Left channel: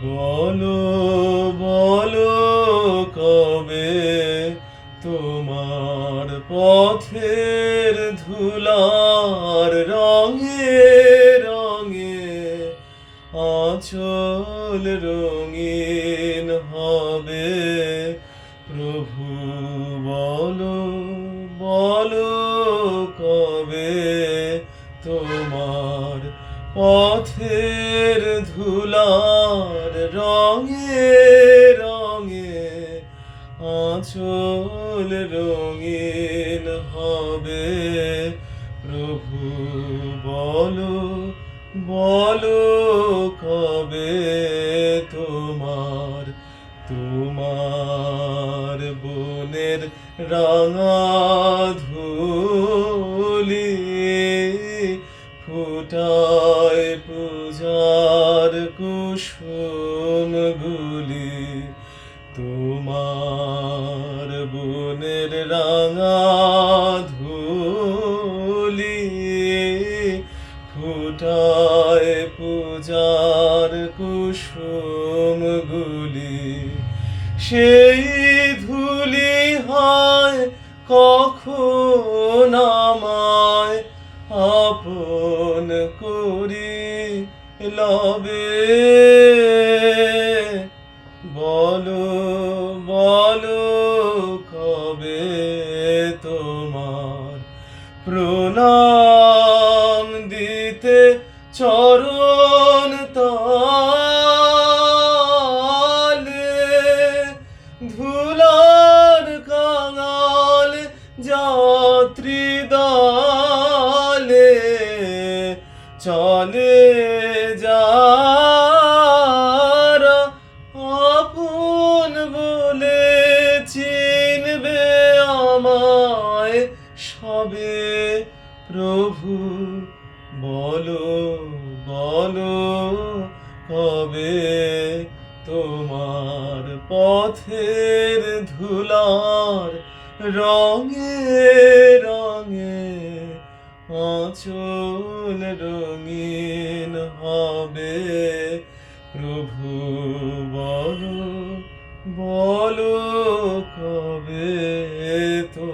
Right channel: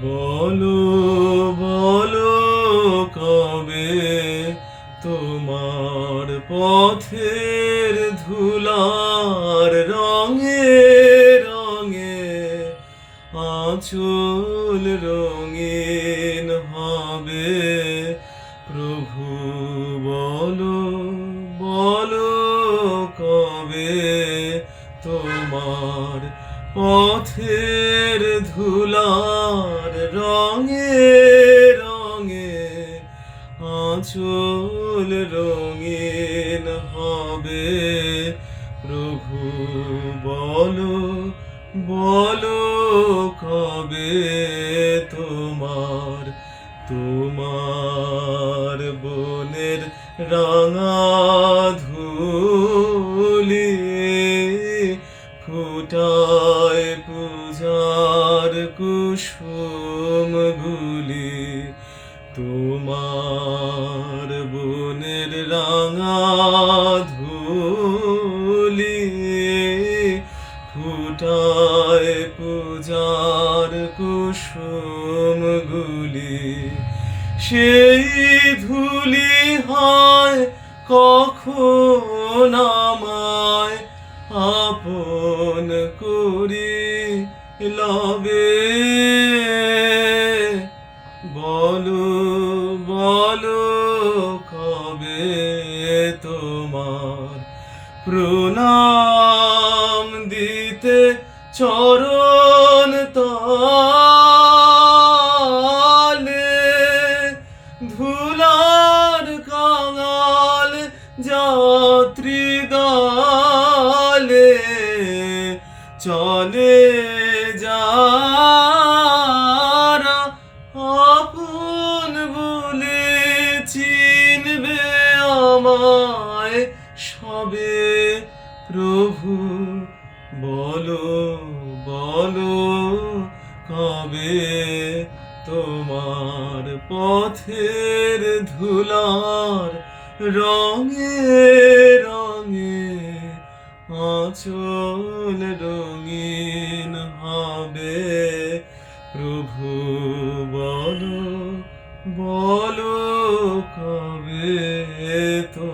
বলো বলো কবে তোমার পথের ধুলার রঙে রঙে আঁচল রঙিন হবে। প্রভু বলো বলো কবে তোমার পথের ধুলার রঙে রঙে আঁচল রঙিন হবে। প্রভু বলো বলো কবে তোমার তোমার বনের রাঙা ধূলি ফুটায় পূজার কুসুমগুলি। তোমার বনের রাঙা ধূলি ফুটায় পূজার কুসুমগুলি। সেই ধূলি হয় কখন আমায় আপন করি লবে। বলো বলো কবে তোমার প্রণাম দিতে চরণ তলে ধুলার কাঙাল যাত্রী দলে চলে যারা আপন বলে চিনবে আমায় সবে। প্রভু বলো বলো কবে তোমার পথের ধুলার রঙে রঙে আঁচল রঙিন হবে। প্রভু বলো বলো কবে তো